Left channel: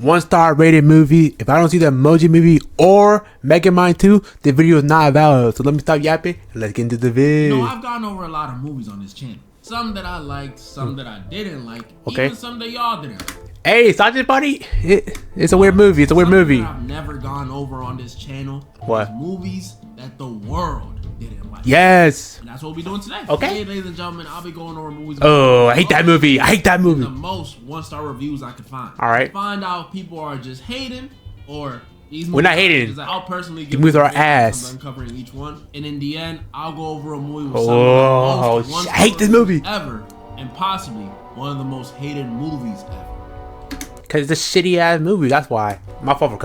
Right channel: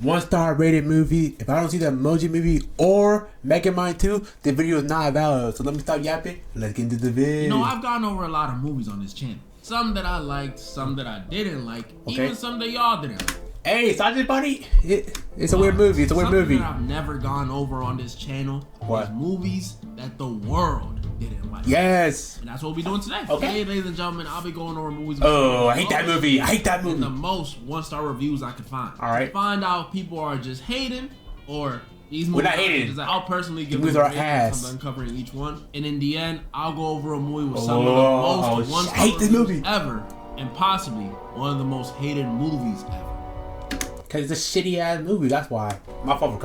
1-star rated movie. If I don't see the Emoji Movie or Megamind 2, the video is not valid. So let me stop yapping and let's get into the video. You know, I've gone over a lot of movies on this channel. Some that I liked, some that I didn't like, even some that y'all didn't like. Hey, Sergeant Buddy, it's a weird movie. It's a weird movie. That I've never gone over on this channel. What? Is movies that the world didn't like. Yes. And that's what we'll be doing today. Okay. Today, ladies and gentlemen, I'll be going over movies. Oh, I hate that movie. I hate that movie. The most 1-star reviews I could find. All right. To find out if people are just hating or these movies. We're not hating. I'll personally give movies are ass. I'm uncovering each one, and in the end, I'll go over a movie with some of the most 1-star I hate this movie ever, and possibly one of the most hated movies ever. Cause it's a shitty ass movie. That's why. My fault for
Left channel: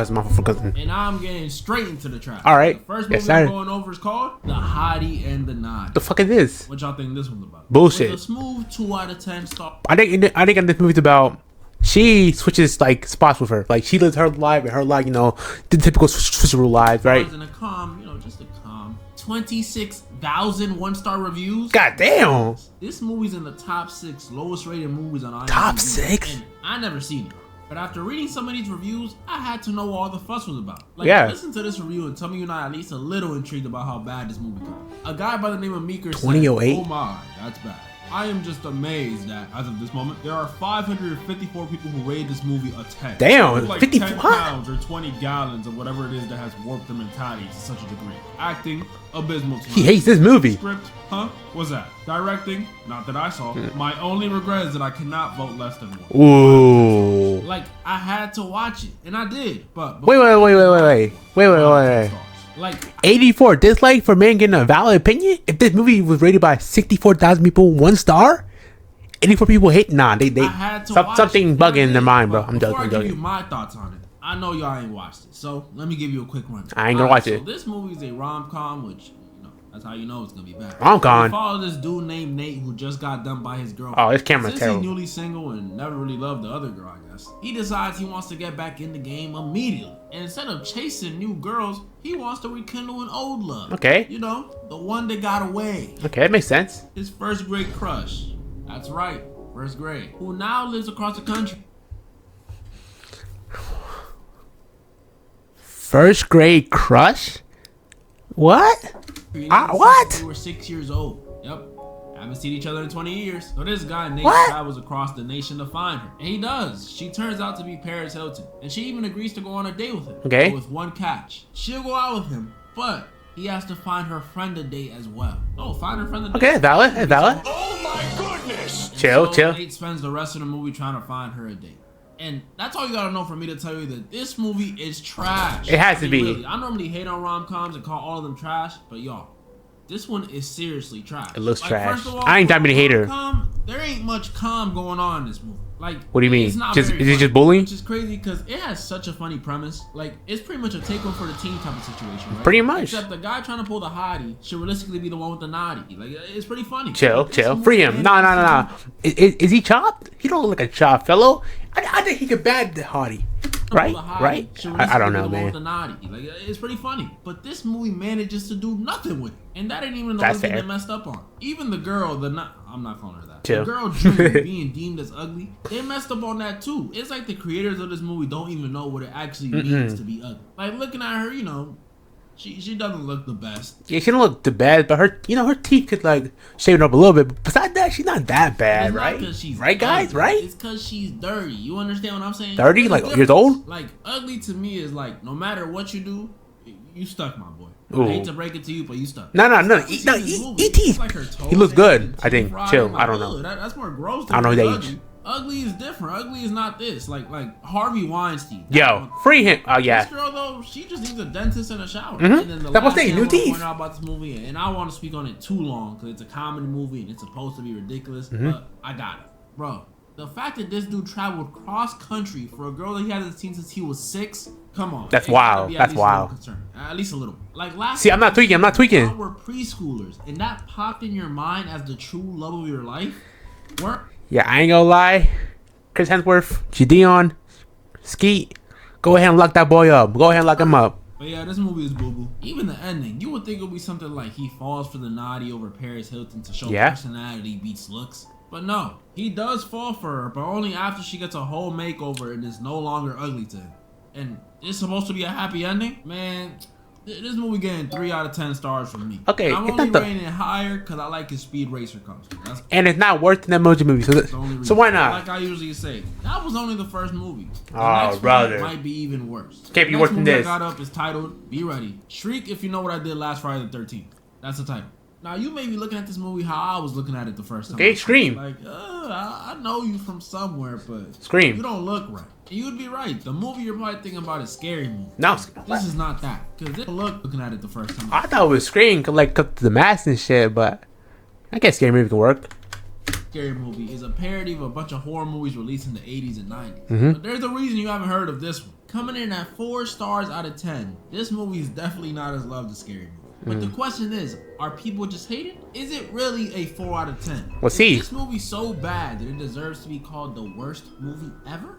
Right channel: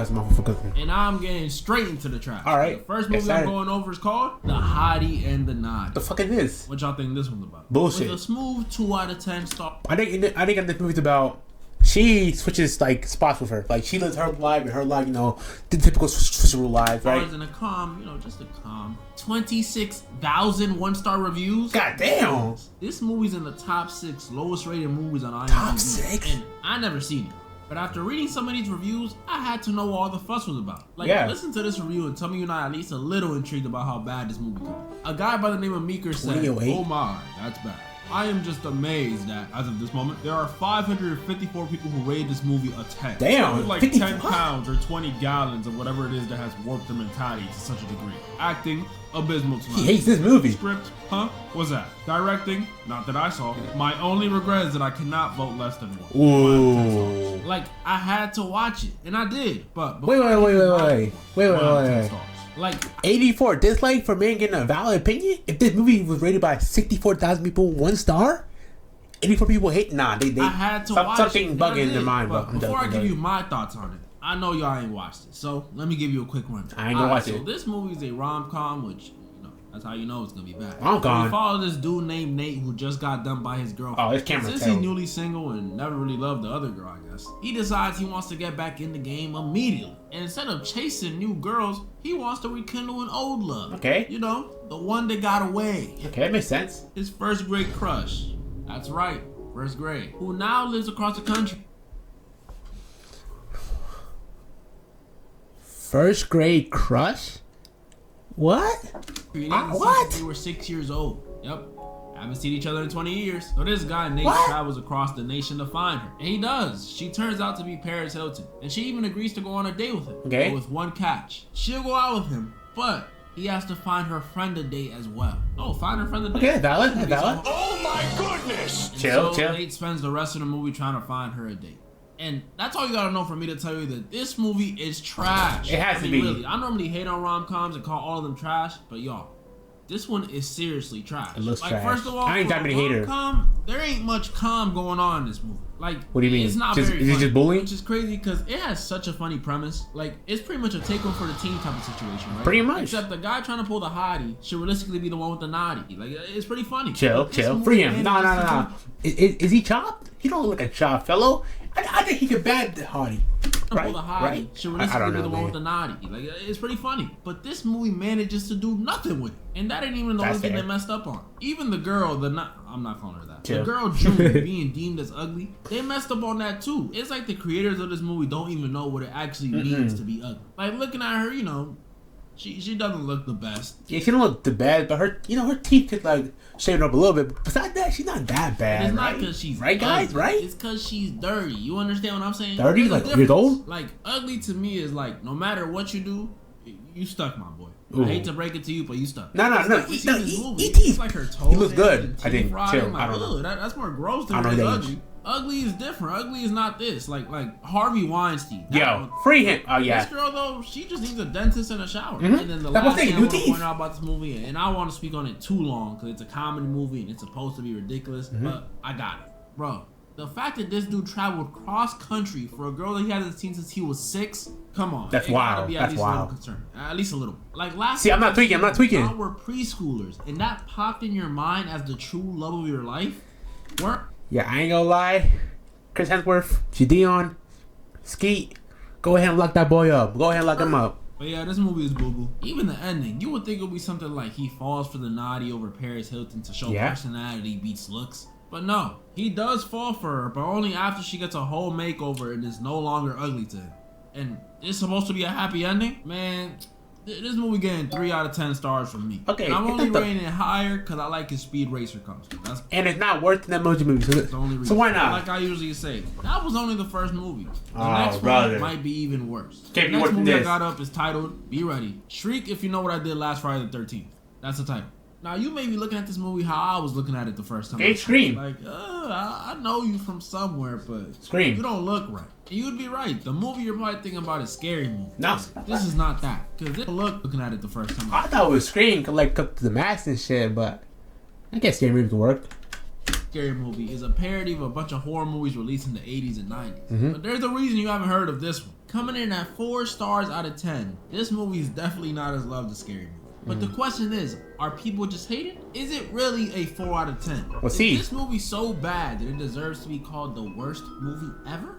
cousin. And I'm getting straight into the trap. All right. The first movie I'm going over is called The Hottie and the Naughty. The fuck is this? What y'all think this one's about? Bullshit. With a smooth 2 out of 10 star. I think this movie's about. She switches like spots with her. Like she lives her life and her life, you know, the typical switcheroo lives, right? In a calm, you know, just a calm 26,000 1-star reviews. God damn. This movie's in the top 6 lowest rated movies on IMDb. Top 6? And I never seen it. But after reading some of these reviews, I had to know what all the fuss was about. Like, listen to this review and tell me you're not at least a little intrigued about how bad this movie could be. A guy by the name of Meeker said, "Oh my, that's bad. I am just amazed that, as of this moment, there are 554 people who rated this movie a 10. Damn, like 10 pounds or 20 gallons of whatever it is that has warped their mentality to such a degree. Acting, abysmal tonight. He hates this movie. Script, huh? What's that? Directing, not that I saw. My only regret is that I cannot vote less than 1. Ooh. Like, I had to watch it, and I did. But wait. Like 84 dislike for man getting a valid opinion. If this movie was rated by 64,000 people 1 star, 84 people hate. Nah, they I had to watch something it, bugging in their mind, bro. Before I give you my thoughts on it, I know y'all ain't watched it, so let me give you a quick run. I ain't gonna watch it. So this movie is a rom-com, which that's how you know it's gonna be bad. Rom-com. We follow this dude named Nate who just got dumped by his girlfriend. Oh, his camera's Since terrible. he's newly single and never really loved the other girl, I guess, he decides he wants to get back in the game immediately. And instead of chasing new girls, he wants to rekindle an old love. Okay. You know, the one that got away. Okay, that makes sense. His first grade crush. That's right, first grade. Who now lives across the country. First grade crush? What? What? They were 6 years old. Yep. Haven't seen each other in 20 years. So this guy, Nate, travels across the nation to find her. And he does. She turns out to be Paris Hilton. And she even agrees to go on a date with him. Okay. But with one catch. She'll go out with him, but he has to find her friend a date as well. Oh, find her friend a date. Okay, valid. Oh my goodness! Chill. Nate spends the rest of the movie trying to find her a date. And that's all you gotta know for me to tell you that this movie is trash. It has to be. Really, I normally hate on rom-coms and call all of them trash, but y'all, this one is seriously trash. It looks like, trash. First of all, I ain't that many hater. There ain't much calm going on in this movie. Like, what do you mean? It's not is very it funny, just bullying? Which is crazy because it has such a funny premise. Like, it's pretty much a take one for the team type of situation, right? Pretty much. Except the guy trying to pull the hottie should realistically be the one with the naughty. Like, it's pretty funny. Chill. Free him. No. Is he chopped? He don't look like a chopped fellow. I think he could bad the hottie. Right? I don't know, man. With the naughty. Like, it's pretty funny. But this movie manages to do nothing with it. And that ain't even the only thing they messed up on. Even the girl, I'm not calling her that. Chill. The girl, June, being deemed as ugly, they messed up on that too. It's like the creators of this movie don't even know what it actually means to be ugly. Like, looking at her, you know, she doesn't look the best. Yeah, she don't look the best, but her, you know, her teeth could like shave it up a little bit. But besides that, she's not that bad, It's right? not because she's right, guys, ugly. right? It's because she's dirty. You understand what I'm saying? 30, like years old? Like, ugly to me is like, no matter what you do, you stuck, my boy. Ooh. I hate to break it to you, but you stuck. No. It's like her toes. He looks good. I teeth think. rotting. Chill. Like, I don't know. That's more gross than I don't know ugly. age. Ugly is different. Ugly is not this. Like Harvey Weinstein. Yo, free him. Oh yeah. This girl though, she just needs a dentist and a shower. And then the last thing I want to point out about this movie, and I want to speak on it too long because it's a comedy movie and it's supposed to be ridiculous, but I got it, bro. The fact that this dude traveled cross country for a girl that he hasn't seen since he was 6. Come on. That's wild. That's wild. At least a little. Like last. See, I'm not tweaking. We're preschoolers, and that popped in your mind as the true love of your life. Yeah, I ain't gonna lie. Chris Hemsworth, Gideon, Skeet, go ahead and lock that boy up. Go ahead and lock him up. But yeah, this movie is boo-boo. Even the ending, you would think it would be something like he falls for the naughty over Paris Hilton to show personality beats looks. But no, he does fall for her, but only after she gets a whole makeover and is no longer ugly to him. And it's supposed to be a happy ending? Man, this movie getting 3 out of 10 stars from me. Okay, I'm only rating it higher because I like his Speed Racer costume. And it's not worth an Emoji Movie, so why not? Like I usually say, that was only the first movie. The next brother. one might be even worse. Can't be the worse next than movie this. I got up is titled Be Ready. Shriek If You Know What I Did Last Friday the 13th. That's the title. Now, you may be looking at this movie how I was looking at it the first time. Okay, Scream. Like, I know you from somewhere, but Scream. You don't look right. And you would be right. The movie you're probably thinking about is Scary Movie. No. This is not that. Because it looking at it the first time. I thought it was Scream, like up to the mask and shit, but I guess Scary Movie can work. Scary Movie is a parody of a bunch of horror movies released in the 80s and 90s. But there's a reason you haven't heard of this one. Coming in at 4 stars out of 10, this movie is definitely not as loved as Scary Movie. But the question is, are people just hating? Is it really a 4 out of 10? Well, see. Is this movie so bad that it deserves to be called the worst movie ever?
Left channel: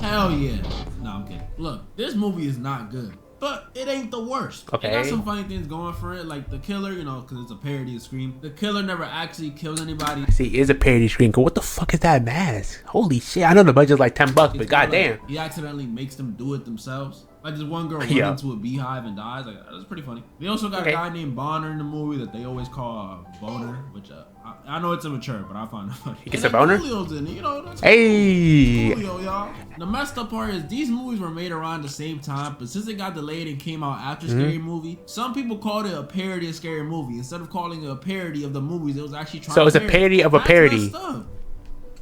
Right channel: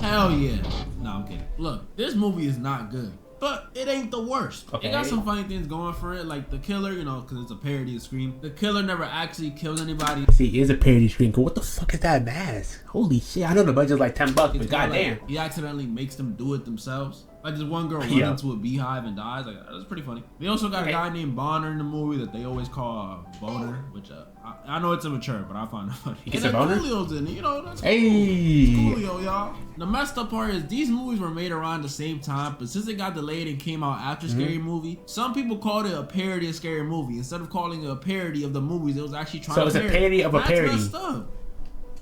Hell yeah. No, I'm kidding. Look, this movie is not good, but it ain't the worst. Okay. It got some funny things going for it, like the killer, you know, because it's a parody of Scream. The killer never actually kills anybody. See, it is a parody Scream. What the fuck is that mask? Holy shit. I know the budget's like $10, but goddamn. Like, he accidentally makes them do it themselves. Like this one girl runs into a beehive and dies. Like that's pretty funny. They also got a guy named Bonner in the movie that they always call Boner, which I know it's immature, but I find it funny. It's a boner. Coolio's in it, you know. That's hey, Coolio, y'all. The messed up part is these movies were made around the same time, but since it got delayed and came out after Scary Movie, some people called it a parody of Scary Movie instead of calling it a parody of the movies. It was actually trying. So to it's a parody of a parody. Messed up.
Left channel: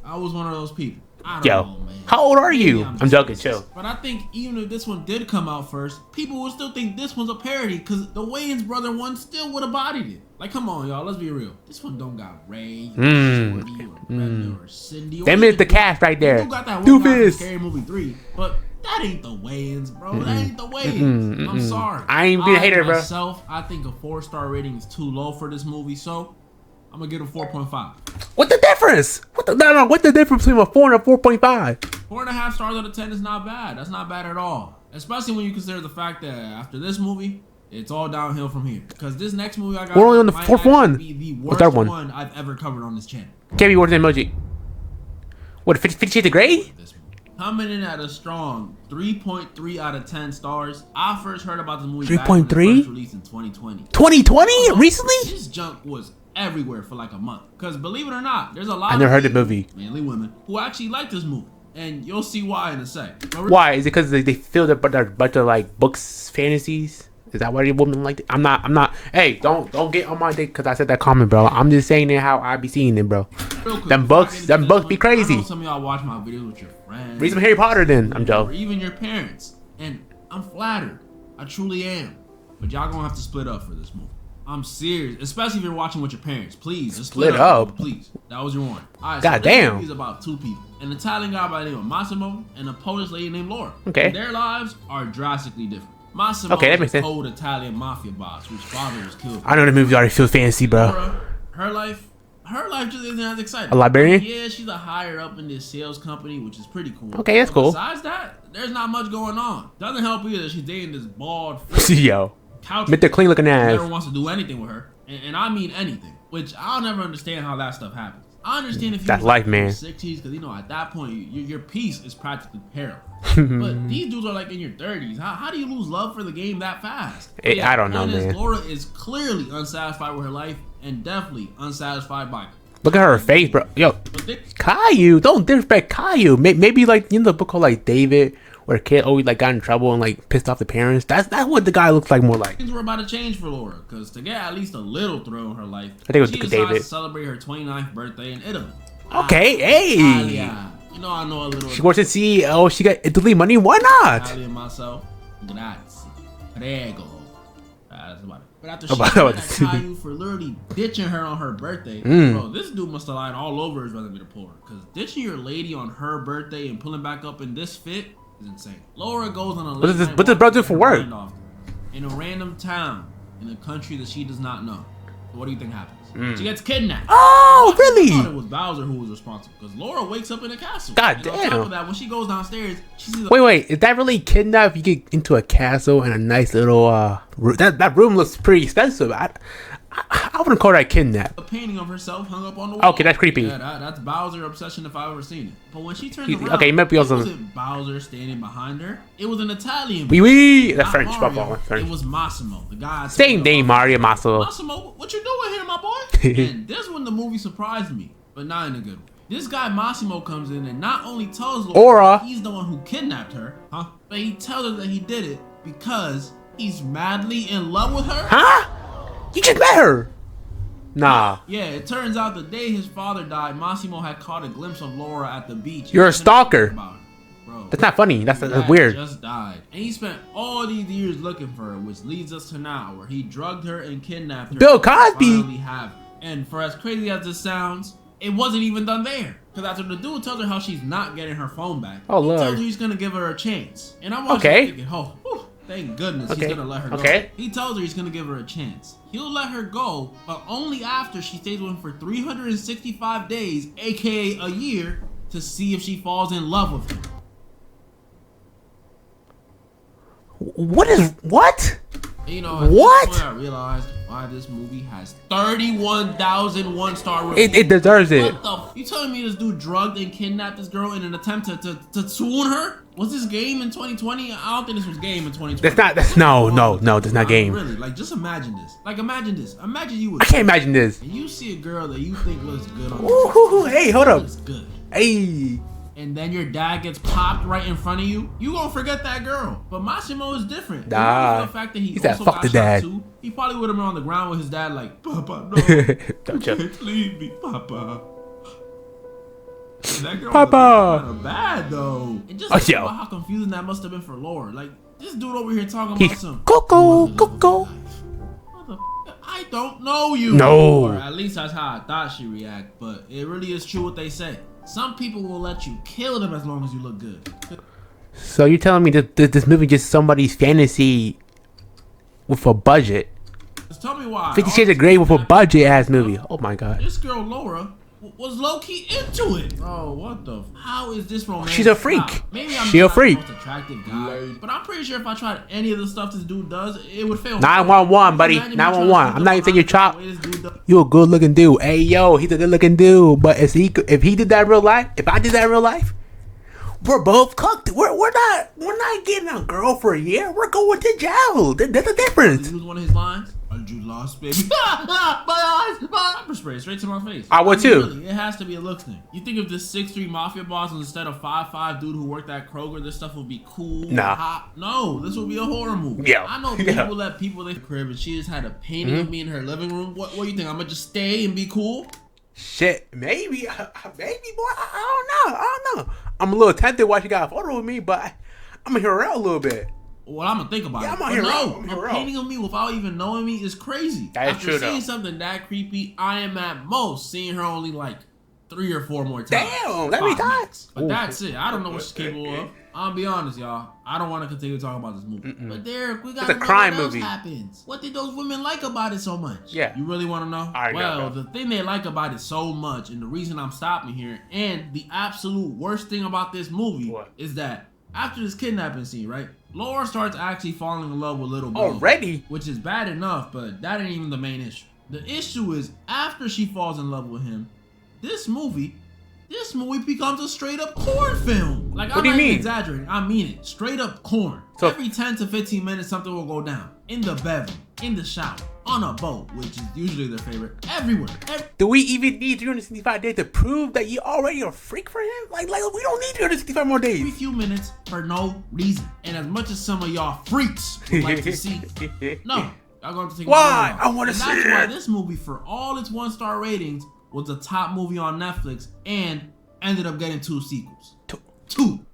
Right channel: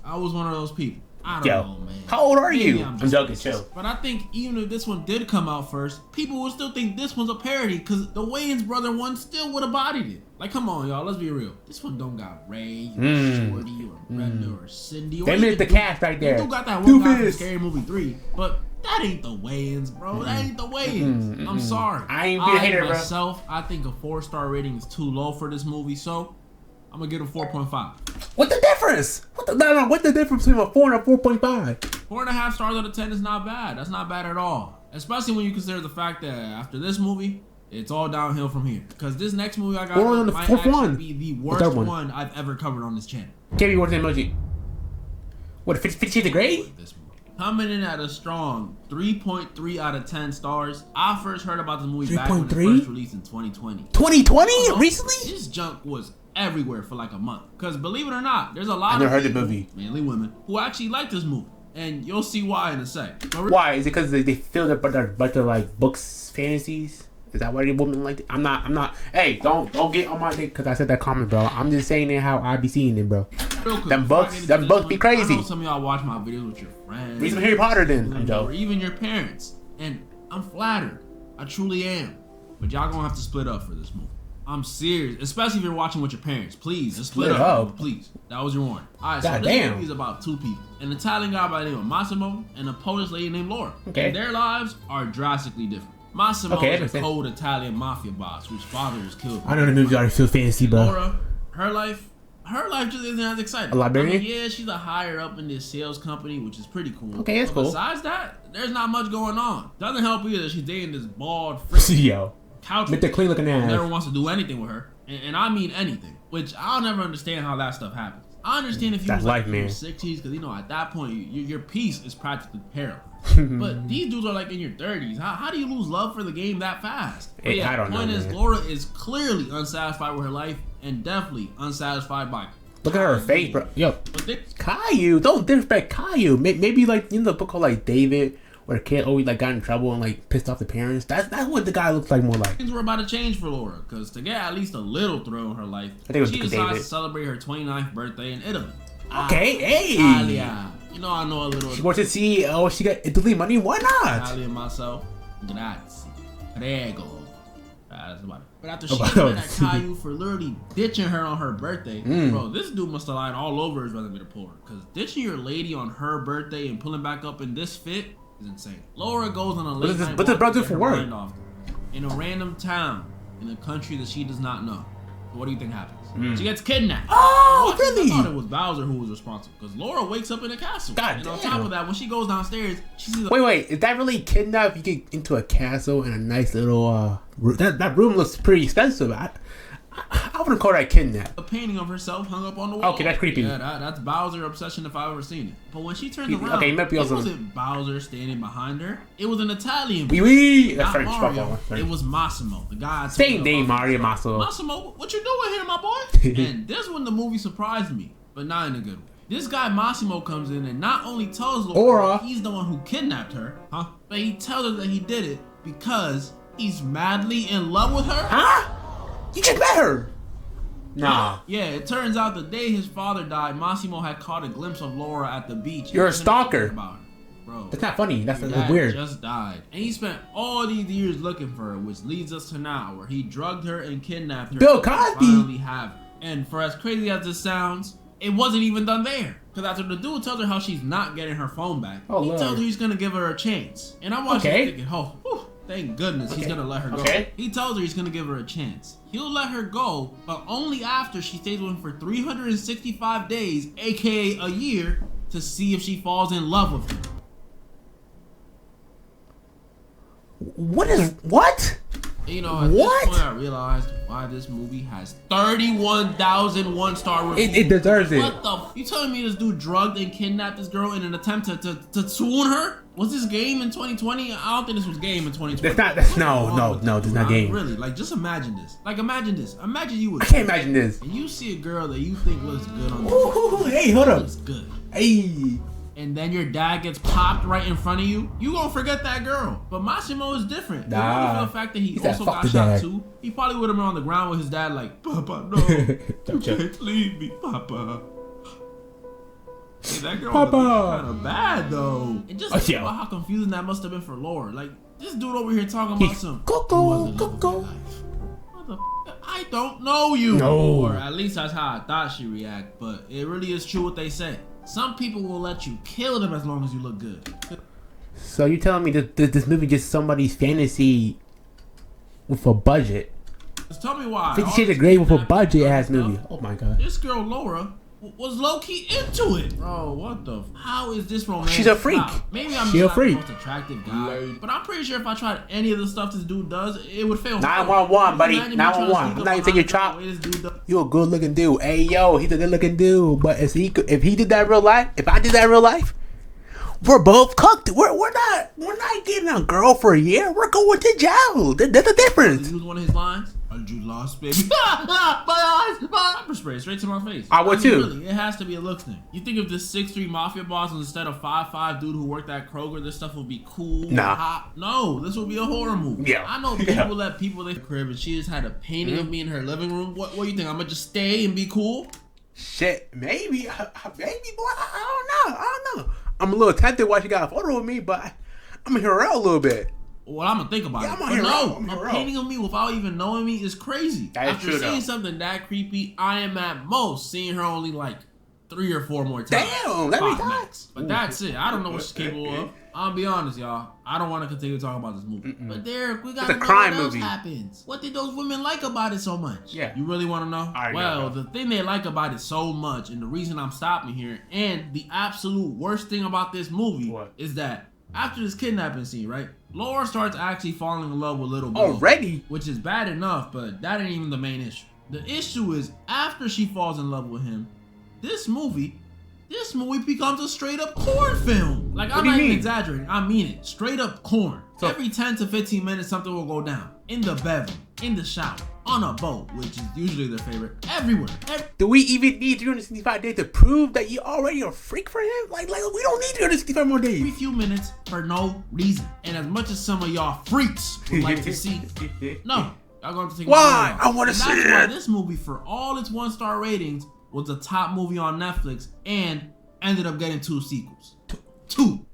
I was one of those people. I don't know, man. How old are Maybe you? I'm joking, racist. chill. But I think even if this one did come out first, people would still think this one's a parody because the Wayans brother one still would have bodied it. Like, come on, y'all, let's be real. This one don't got Ray or Shorty or Brenda or Cindy. Them is the cast right there. You got that one guy from Scary Movie 3, but that ain't the Wayans, bro. That ain't the Wayans. I'm sorry. I ain't being a hater, bro. Myself, I think a 4-star rating is too low for this movie, so I'm gonna give it a 4.5. What the difference? What's the difference between a 4 and a 4.5? 4.5 stars out of 10 is not bad. That's not bad at all. Especially when you consider the fact that after this movie, it's all downhill from here. Because this next movie I got we're only on the might fourth one. Be the worst one I've ever covered on this channel. Can't be worse than Emoji. What, 50 Shades of Grey? Coming in at a strong 3.3 out of 10 stars. I first heard about this movie back 3.3? when it first released in 2020. 2020? Recently? This junk was everywhere for like a month. Because believe it or not, there's a lot I never of heard the movie. Mainly women, who actually like this movie. And you'll see why in a sec. Why? Is it because they feel that they're a bunch of like books, fantasies? Is that why women like it? I'm not. Hey, don't get on my dick because I said that comment, bro. I'm just saying it how I be seeing it, bro. Them books be crazy. I know some of y'all watch my videos with your friends. Read some Harry Potter then. I'm joking. Or even your parents. And I'm flattered. I truly am. But y'all gonna have to split up for this movie. I'm serious, especially if you're watching with your parents. Please, just split up. Please. That was your warning. Alright, so this movie is about 2 people. An Italian guy by the name of Massimo and a Polish lady named Laura. Okay. And their lives are drastically different. Massimo is a cold Italian mafia boss whose father was killed. I know the movie already feels fancy, bro. Laura, her life just isn't as exciting. A librarian? I mean, yeah, she's a higher up in this sales company, which is pretty cool. Okay, that's cool. Besides that, there's not much going on. Doesn't help either. She's dating this bald, yo, couch with the clean looking ass. Never wants to do anything with her, and I mean anything. Which I'll never understand how that stuff happens. I understand if you was like in your 60s, because you know at that point your peace is practically paralyzed. But these dudes are like in your 30s. How do you lose love for the game that fast? Hey, I don't know, man. Laura is clearly unsatisfied with her life and definitely unsatisfied by. Look at her face, bro. Yo, Caillou, don't disrespect Caillou. Maybe like in the book called like David, where a kid always like got in trouble and like pissed off the parents. That's what the guy looks like more like. Things were about to change for Laura, because to get at least a little thrill in her life, I think it was she David. decides to celebrate her 29th birthday in Italy. Okay, hey. Italia. You know I know a little. She works at CEO. She got Italy money. Why not? Italian myself. Grazie. Prego. That's about it. But after she met that Caillou for literally ditching her on her birthday, bro, this dude must have lied all over his resume to pull her. Because ditching your lady on her birthday and pulling back up in this fit is insane. Laura goes on a late night What's the brother for work? In a random town in a country that she does not know. So what do you think happens? She gets kidnapped. Oh, really? I thought it was Bowser who was responsible because Laura wakes up in a castle. God damn. On top of that, when she goes downstairs, she sees. Wait, is that really kidnapped? You get into a castle and a nice little room. That room looks pretty expensive. I wouldn't call that kidnap. A painting of herself hung up on the wall. Okay, that's creepy. Yeah, that's Bowser obsession if I've ever seen it. But when she turned around, okay, it wasn't Bowser standing behind her. It was an Italian. Oui. That's French. Mario, it was Massimo, the guy. Same name, Mario Massimo. Massimo, what you doing here, my boy? And this when the movie surprised me, but not in a good way. This guy Massimo comes in and not only tells Laura he's the one who kidnapped her, but he tells her that he did it because he's madly in love with her. Huh? You just met her. Nah. Yeah, it turns out the day his father died, Massimo had caught a glimpse of Laura at the beach. You're a stalker. Bro, that's not funny. That's weird. Just died. And he spent all these years looking for her, which leads us to now, where he drugged her and kidnapped her. Bill Cosby. Finally have her. And for as crazy as this sounds, it wasn't even done there. Because after the dude tells her how she's not getting her phone back, he tells her he's going to give her a chance. And I'm watching thinking, oh, whew, thank goodness he's going to let her go. He tells her he's going to give her a chance. He'll let her go, but only after she stays with him for 365 days, aka a year, to see if she falls in love with him. What? You know, at this point I realized why this movie has 31,000 one-star reviews. It deserves it. What the? You telling me this dude drugged and kidnapped this girl in an attempt to swoon her? Was this game in 2020? I don't think this was game in 2020. That's no, that's not game. Really, like just imagine this. Imagine you would. I can't imagine this. And you see a girl that you think looks good on the hey, hold up. Looks good. Hey. And then your dad gets popped right in front of you, you gonna forget that girl. But Massimo is different. Nah. For the fact that he also got shot too, he probably would have been on the ground with his dad like, Papa, no, you can't leave me, Papa. Hey, that girl was kind of bad though. And just think about how confusing that must have been for Laura. Like, this dude over here talking about some Coco. I don't know you. No. Or at least that's how I thought she react. But it really is true what they say. Some people will let you kill them as long as you look good. So you're telling me that this movie just somebody's fantasy with a budget? Just tell me why. 50 Shades of Grey with a budget ass movie. Oh my god. This girl Laura was low key into it. Bro, what the? How is this romantic? She's a freak. Maybe I'm just the most attractive guy, but I'm pretty sure if I tried any of the stuff this dude does, it would fail. 911, buddy. 911. I'm not even saying you're chop. You a good looking dude. Hey yo, he's a good looking dude. But if he did that in real life, if I did that in real life, we're both cooked. We're not getting a girl for a year. We're going to jail. That's the difference. Use one of his lines. You lost, baby. My eyes. Pepper spray straight to my face. I would too. Really, it has to be a looks thing. You think if this 6'3" mafia boss instead of 5'5" dude who worked at Kroger, this stuff would be cool? Nah. Hot? No, this would be a horror movie. Yeah. I know people let people in the crib and she just had a painting of me in her living room. What do you think? I'm gonna just stay and be cool? Shit, maybe, boy. I don't know. I'm a little tempted why she got a photo of me, but I'm gonna hear her out a little bit. Well, I'm gonna think about it. But no, a painting of me without even knowing me is crazy. After seeing something that creepy, I am at most seeing her only like 3 or 4 more times. Damn, that many times. But that's it. I don't know what she's capable of. I'll be honest, y'all. I don't want to continue talking about this movie. But Derek, we gotta know what else happens. What did those women like about it so much? Yeah. You really want to know? Well, the thing they like about it so much, and the reason I'm stopping here, and the absolute worst thing about this movie is that after this kidnapping scene, right? Laura starts actually falling in love with Little Bill. Already? Which is bad enough, but that ain't even the main issue. The issue is after she falls in love with him, this movie becomes a straight up corn film. Like, I'm not even exaggerating. I mean it. Straight up corn. So, every 10 to 15 minutes, something will go down. In the bedroom, in the shower, on a boat, which is usually their favorite. Everywhere. Do we even need 365 days to prove that you already a freak for him? Like we don't need 365 more days. Every few minutes for no reason. And as much as some of y'all freaks would like to see, no. Y'all gonna have to take why? I want to see it. That's why this movie, for all its 1-star ratings, was the top movie on Netflix and ended up getting 2 sequels. Two.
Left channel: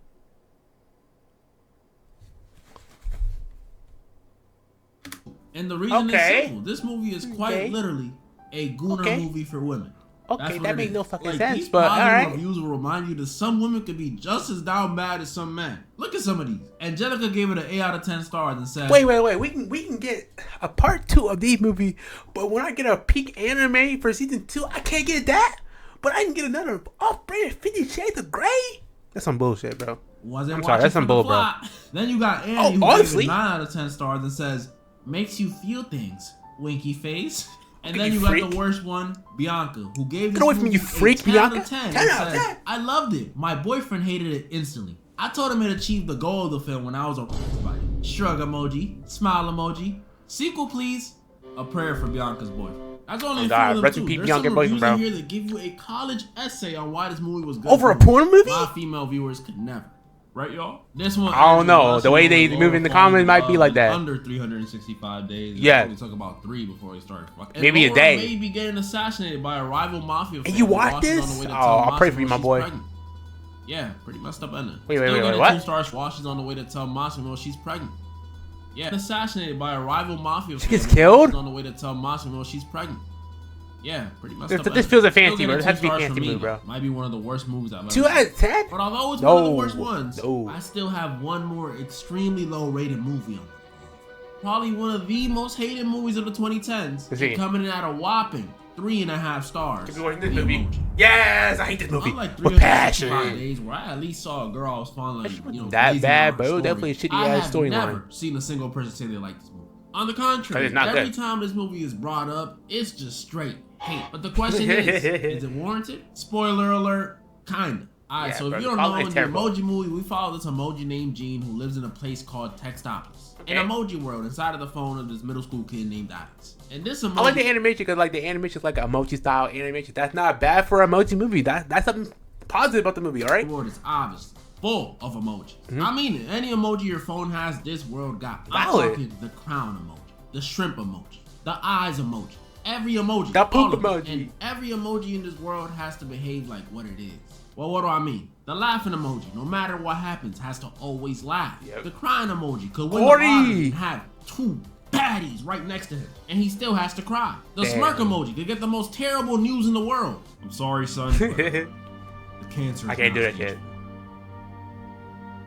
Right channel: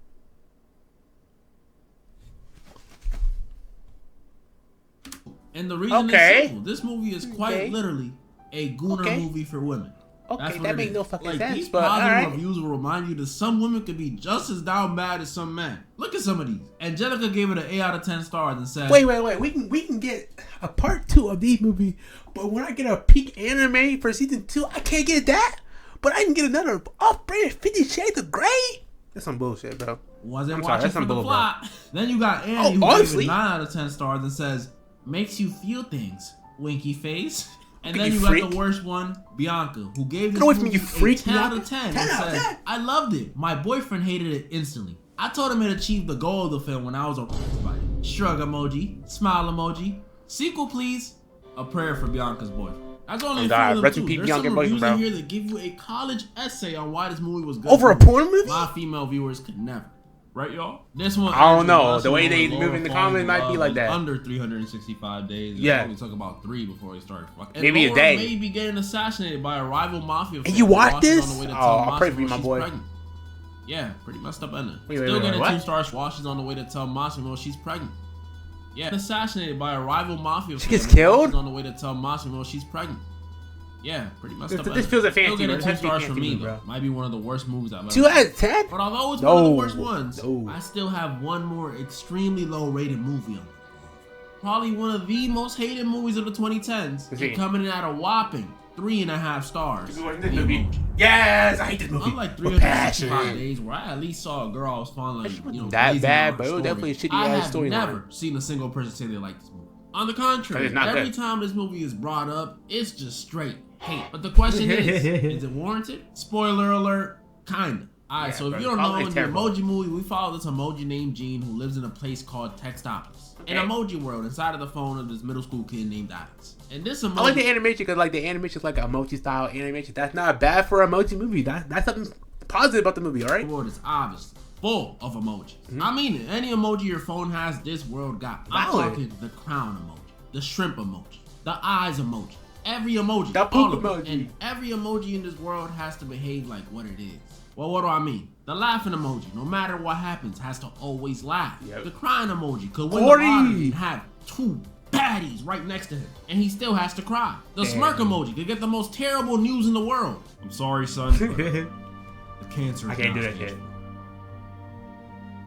And the reason is simple. This movie is quite literally a gooner movie for women. Okay, that makes no fucking sense. These but positive reviews will remind you that some women could be just as down bad as some men. Look at some of these. Angelica gave it an 8 out of 10 stars and said, "Wait. We can get a part 2 of these movies, but when I get a peak anime for season 2, I can't get that. But I can get another off-brand 50 Shades of Grey. That's some bullshit, bro. Wasn't watching for the plot. Then you got Annie who gave it 9 out of 10 stars and says, makes you feel things. Winky face. And then you got the worst one, Bianca, who gave this movie a 10 out of 10 and said, I loved it. My boyfriend hated it instantly. I told him it achieved the goal of the film when I was impressed by it. Shrug emoji, smile emoji, sequel please, a prayer for Bianca's boyfriend. That's only a few of them too. There's some reviews in here that give you a college essay on why this movie was good. Over a porn movie? My female viewers could never. Right, y'all? This one, I don't know. The way they move in the comments might be like that. Under 365 days. Yeah. We took about 3 before he started fucking. Maybe a day. May be getting assassinated by a rival mafia. And you watch this? Oh, I'll pray for you, my boy. Pregnant. Yeah, pretty messed up ending. Wait, Still getting what? 2 stars while she's on the way to tell Massimo she's pregnant. Yeah, assassinated by a rival mafia. She gets killed? She's on the way to tell Massimo she's pregnant. Yeah, pretty messed up. This feels a fancy, bro. It has to be fancy, me, bro. Might be one of the worst movies I've ever 2 out of 10? But although it's one of the worst ones, I still have one more extremely low-rated movie on it. Probably one of the most hated movies of the 2010s, coming in at a whopping 3.5 stars. Yes, I hate this movie. Unlike 365 days where I at least saw a girl I was falling, that bad, bro. Definitely a shitty ass storyline. I have never seen a single person say they like this movie. On the contrary, every time this movie is brought up, it's just straight hate. But the question is it warranted? Spoiler alert, kinda. Alright, so if you don't know, in the Emoji Movie, we follow this emoji named Gene who lives in a place called Textopolis. An emoji world inside of the phone of this middle school kid named Alex. And this emoji... I like the animation because like the animation is like an emoji style animation. That's not bad for an emoji movie. That's something positive about the movie, alright? The world is obviously full of emojis. I mean it. Any emoji your phone has, this world got. I'm talking the crown emoji, the shrimp emoji, the eyes emoji, every emoji. The poop emoji. And every emoji in this world has to behave like what it is. Well, what do I mean? The laughing emoji, no matter what happens, has to always laugh. Yep. The crying emoji could win the lottery and have 2 baddies right next to him, and he still has to cry. The smirk emoji could get the most terrible news in the world. I'm sorry, son, but the cancer is I can't do that yet.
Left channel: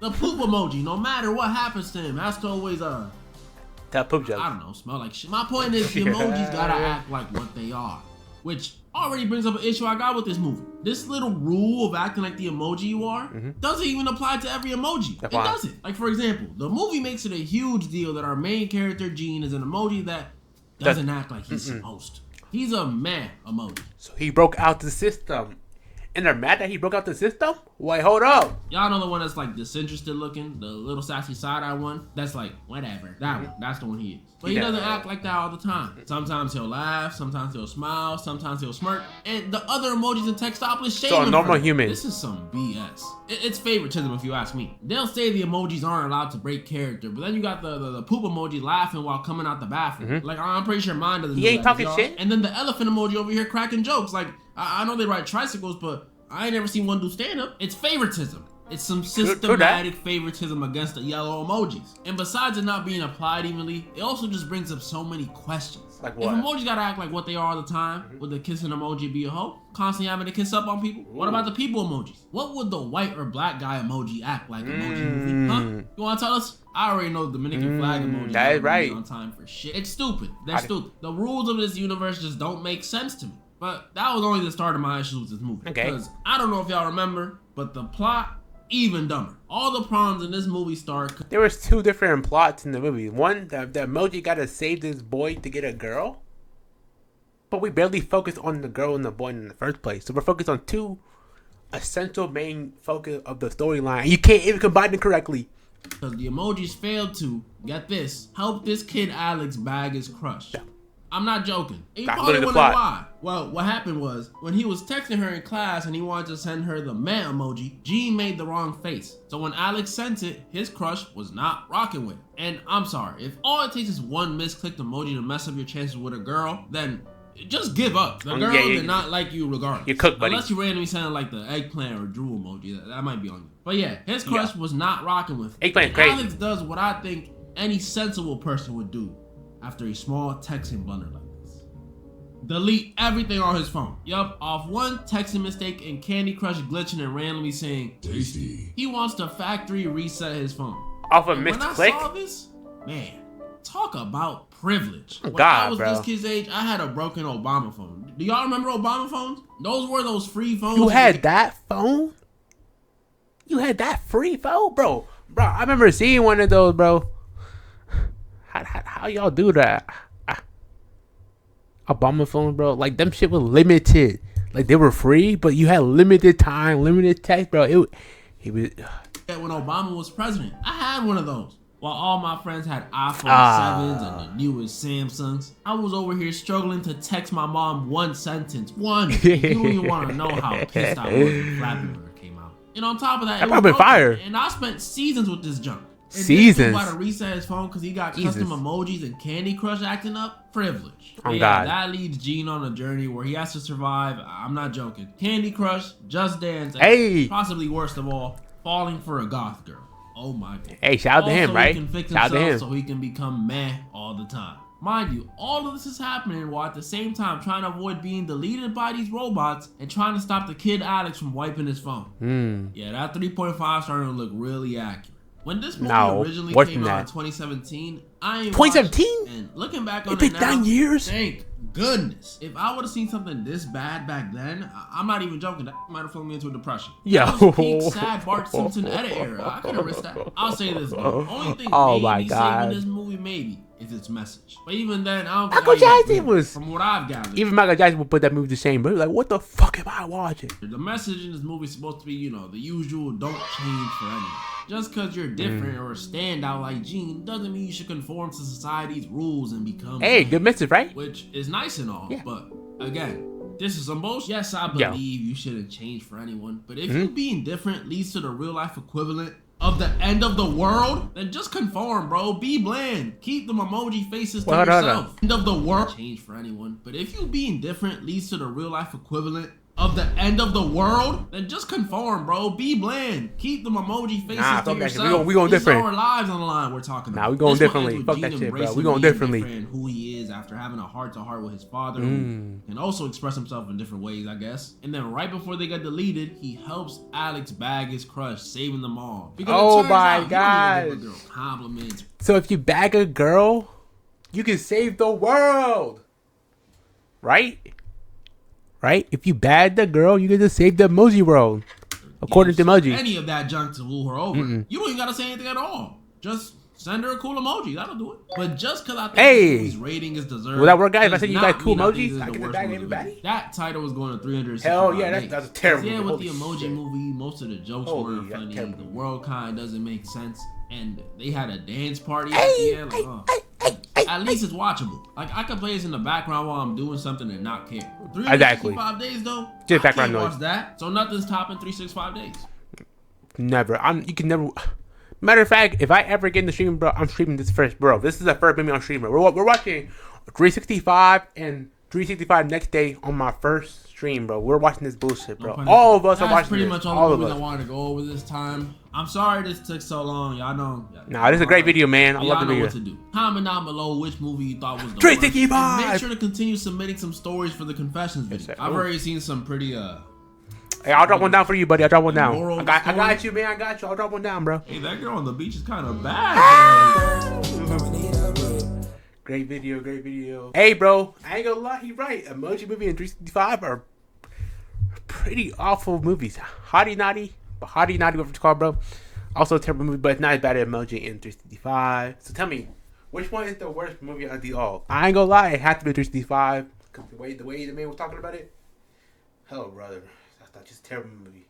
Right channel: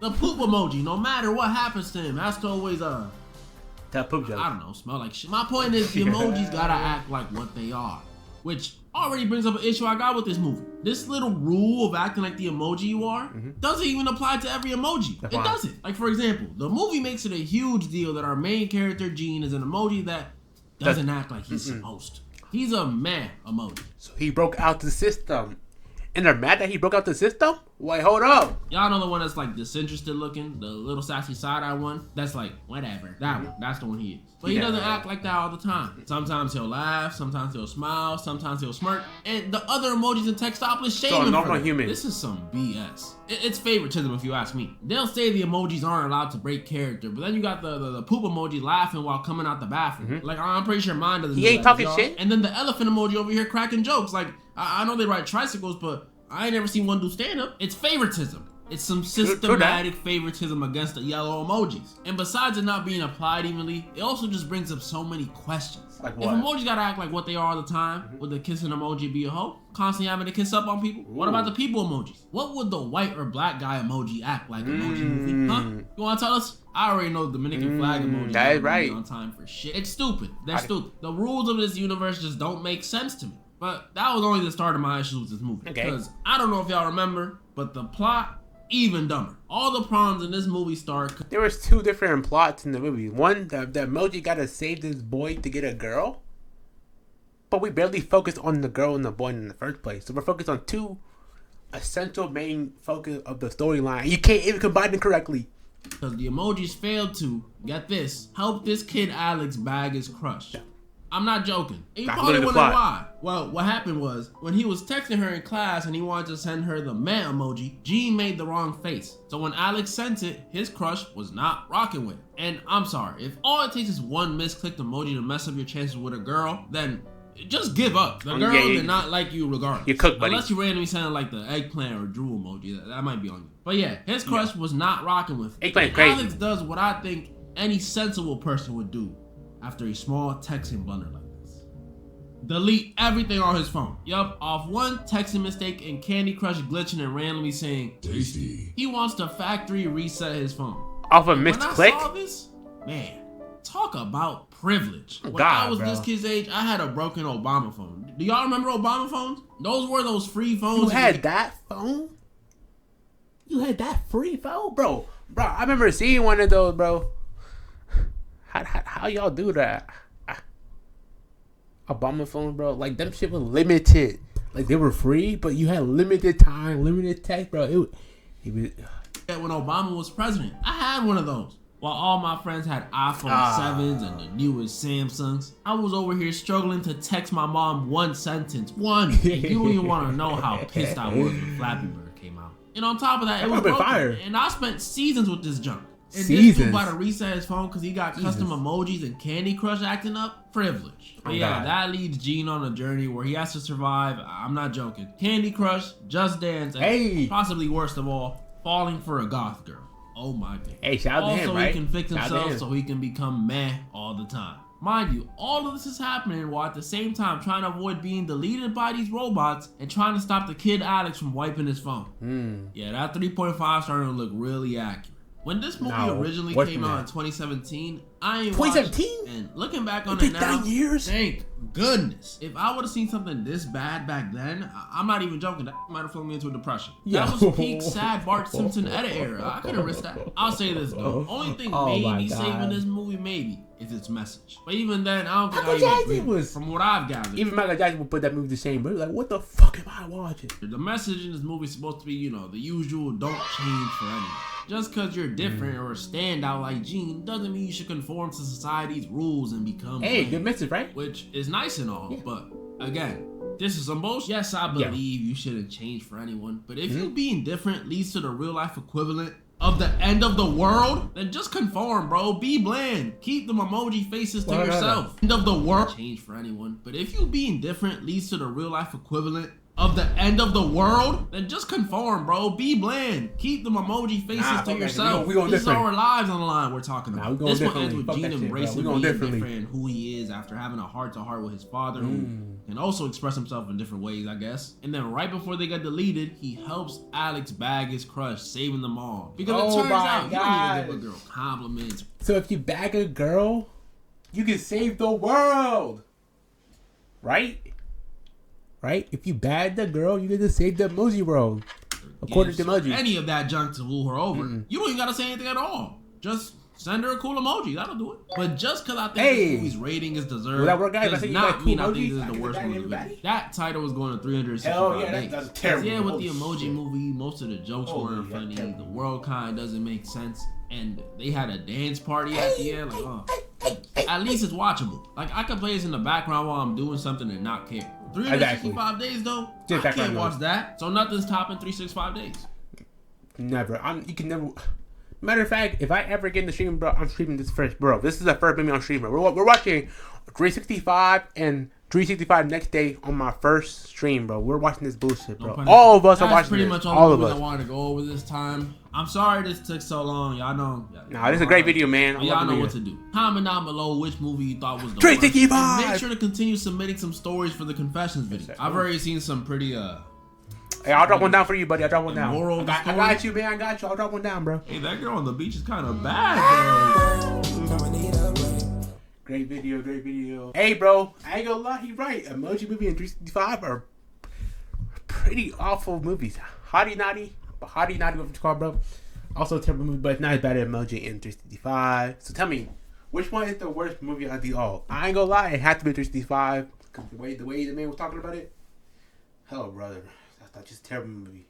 The poop emoji, no matter what happens to him, has to always that poop joke. I don't know, smell like shit. My point is the emojis gotta act like what they are, which already brings up an issue I got with this movie. This little rule of acting like the emoji you are doesn't even apply to every emoji. It doesn't. Like, for example, the movie makes it a huge deal that our main character, Gene, is an emoji that doesn't act like he's supposed to. He's a meh emoji. So he broke out the system. And they're mad that he broke out the system? Wait, hold up. Y'all know the one that's like disinterested looking? The little sassy side-eye one? That's like, whatever. That one. That's the one he is. But he doesn't act like that all the time. Sometimes he'll laugh. Sometimes he'll smile. Sometimes he'll smirk. And the other emojis in Textopolis shame him. So a normal human. This is some BS. It's favoritism if you ask me. They'll say the emojis aren't allowed to break character. But then you got the poop emoji laughing while coming out the bathroom. Like, I'm pretty sure mine doesn't do that. He ain't talking shit. And then the elephant emoji over here cracking jokes. Like, I know they ride tricycles, but I ain't never seen one do stand-up. It's favoritism. It's some systematic favoritism against the yellow emojis. And besides it not being applied evenly, it also just brings up so many questions. Like what? If emojis gotta act like what they are all the time, would the kissing emoji be a hoe? Constantly having to kiss up on people? What about the people emojis? What would the white or black guy emoji act like emoji movie? Huh? You wanna tell us? I already know the Dominican flag emoji. That is right. On time for shit. It's stupid. They're stupid. The rules of this universe just don't make sense to me. But that was only the start of my issues with this movie. Because I don't know if y'all remember, but the plot, even dumber. All the problems in this movie start. There was 2 different plots in the movie. One, the emoji gotta save this boy to get a girl. But we barely focused on the girl and the boy in the first place. So we're focused on 2 essential main focus of the storyline. You can't even combine them correctly. Because the emojis failed to, get this, help this kid Alex bag his crush. Yeah. I'm not joking. And you probably wondering why. Well, what happened was, when he was texting her in class and he wanted to send her the meh emoji, Gene made the wrong face. So when Alex sent it, his crush was not rocking with it. And I'm sorry, if all it takes is one misclicked emoji to mess up your chances with a girl, then just give up. The girl did not like you regardless. You cook, buddy. Unless you randomly sound like the eggplant or drool emoji, that might be on you. But yeah, his crush was not rocking with it. Eggplant crazy. Alex does what I think any sensible person would do after a small texting blunder like this. Delete everything on his phone. Yup, off one texting mistake and Candy Crush glitching and randomly saying tasty. He wants to factory reset his phone. Off a missed click? When I saw this, man, talk about privilege. When I was this kid's age, I had a broken Obama phone. Do y'all remember Obama phones? Those were those free phones. You had that phone? You had that free phone? Bro, I remember seeing one of those, bro. How y'all do that? Obama films, bro, like them shit was limited. Like they were free, but you had limited time, limited text, bro. It was. When Obama was president, I had one of those. While all my friends had iPhone 7s and the newest Samsungs, I was over here struggling to text my mom one sentence. One. And you don't even want to know how pissed I was when Flappy Bird came out. And on top of that, it was broken. Fire. And I spent seasons with this junk. And this dude about to reset his phone because he got custom emojis and Candy Crush acting up. Privilege. But yeah, that leads Gene on a journey where he has to survive. I'm not joking. Candy Crush, Just Dance, and possibly worst of all, falling for a goth girl. Oh my god. Hey, shout out to him, right? So he can fix himself so he can become meh all the time. Mind you, all of this is happening while at the same time trying to avoid being deleted by these robots and trying to stop the kid Alex from wiping his phone. Yeah, that 3.5 starting to look really accurate. When this movie originally came out in 2017, I ain't 2017? And looking back on it now, 9 years? Thank goodness. If I would have seen something this bad back then, I'm not even joking, that might have thrown me into a depression. Yeah. That was peak sad Bart Simpson edit era. I couldn't risk that. I'll say this though. Only thing maybe saving this movie maybe is its message. But even then, I don't think Michael Jackson was, from what I've gathered. Even Michael Jackson would put that movie to shame, but like, what the fuck am I watching? The message in this movie is supposed to be, you know, the usual don't change for anyone. Just because you're different or stand out like Gene doesn't mean you should conform to society's rules and become good message, right? Which is nice and all, but again, this is some bullshit. Yes, I believe you shouldn't change for anyone, but if you being different leads to the real life equivalent of the end of the world, then just conform, bro. Be bland. Keep them emoji faces to yourself. End of the world. Change for anyone, but if you being different leads to the real life equivalent of the end of the world, then just conform, bro. Be bland. Keep them emoji faces to yourself. We going different. These are our lives on the line we're talking about. We going differently. This one ends with Gene embracing being different, who he is after having a heart-to-heart with his father, who can also express himself in different ways, I guess. And then right before they get deleted, he helps Alex bag his crush, saving them all. Because it turns out you don't even give a girl compliments. So if you bag a girl, you can save the world. Right? Right? If you bag the girl, you get to save the emoji world. According to emoji. Any of that junk to woo her over. You don't even gotta say anything at all. Just send her a cool emoji. That'll do it. But just because I think this movie's rating is deserved, will that work, guys? If I said you got cool emojis, this is the worst movie. That title was going to 365 days. That's terrible. Yeah, with the emoji movie, most of the jokes weren't funny. The world kind of doesn't make sense. And they had a dance party at the end. Like, at least it's watchable. Like, I can play this in the background while I'm doing something and not care. 365 days though, I can't watch that. So nothing's topping 365 days. Never. You can never. Matter of fact, if I ever get in the stream, bro, I'm streaming this first, bro. This is the first movie I'm streaming. We're watching 365 and 365 next day on my first stream, bro. We're watching this bullshit, bro. All of us are watching this. That's pretty much all the movies I wanted to go over this time. I'm sorry this took so long. Y'all know. Nah, this is a great video, man. I love the video. Y'all know what to do. Comment down below which movie you thought was the 365. worst. And make sure to continue submitting some stories for the confessions video. I've already seen some pretty Hey, I'll drop one down for you, buddy. I'll drop one down. I got you, man. I got you. I'll drop one down, bro. Hey, that girl on the beach is kind of bad, bro. Great video, great video. Hey, bro. I ain't gonna lie. He's right. Emoji Movie and 365 are pretty awful movies. Hottie Nottie. Whatever it's called, bro. Also a terrible movie, but it's not as bad as Emoji and 365. So tell me, which one is the worst movie out of the all? I ain't gonna lie. It had to be 365. Because the way the man was talking about it. Hell, brother. That's just a terrible movie.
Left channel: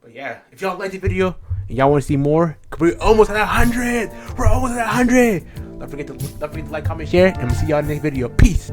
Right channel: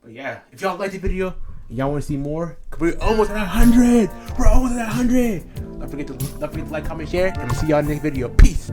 But yeah, if y'all like the video and y'all want to see more, we're almost at 100. We're almost at 100. Don't forget to like, comment, share, and we'll see y'all in the next video. Peace.